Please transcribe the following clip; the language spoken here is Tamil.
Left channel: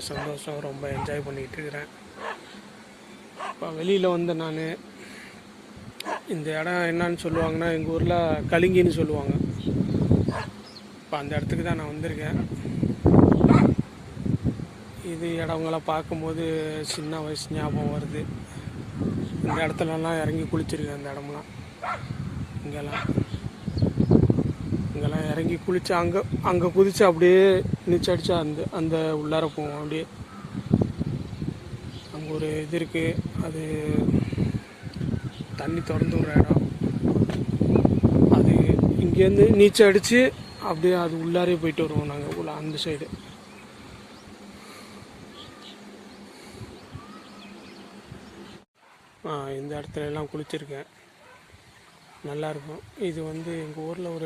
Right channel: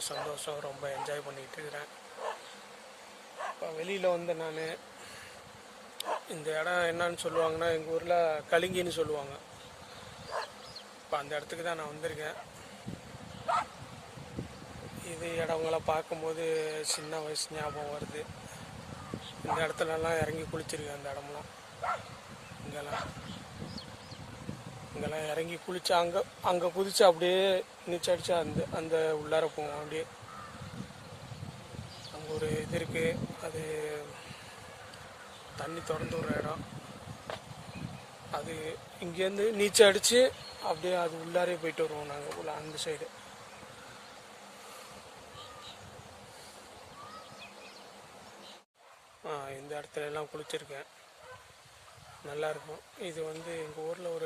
ரொம்ப சந்தோஷம், ரொம்ப என்ஜாய் பண்ணிக்கிட்டு இருக்கிறேன். இப்போ வெளியில் வந்து நான் இந்த இடம் என்னன்னு சொல்லுவாங்கன்னா, எங்கள் ஊரில் கலிங்கின்னு சொல்லுவாங்க. இப்போ அந்த இடத்துக்கு தான் நான் வந்திருக்கேன். இது இடங்களை பார்க்கும்போது சின்ன வயசு ஞாபகம் வருது. இந்த இடத்துலலாம் இறங்கி குளிச்சிருக்கேன். அந்த இடம்லாம் இங்கெல்லாம் இறங்கி குளிச்சு அங்கே குதிச்சு அப்படியே நீச்சல் அடிச்சா அந்த உள்ளார போவோம். அப்படியே அங்கே ஒரு இது இருக்குது, அது தண்ணி திறந்து விடுற இடம். அது இங்கேருந்து நீச்சல் அடித்து அப்படியே அது உள்ளாரே போயிட்டு வருவோம் நாங்கள் உள்ள அந்த சைடு. இந்த இடத்துல எல்லாம் குளிச்சிருக்கேன், நல்லாயிருக்கும். இது வந்து எங்கள் ஊரில் ஒரு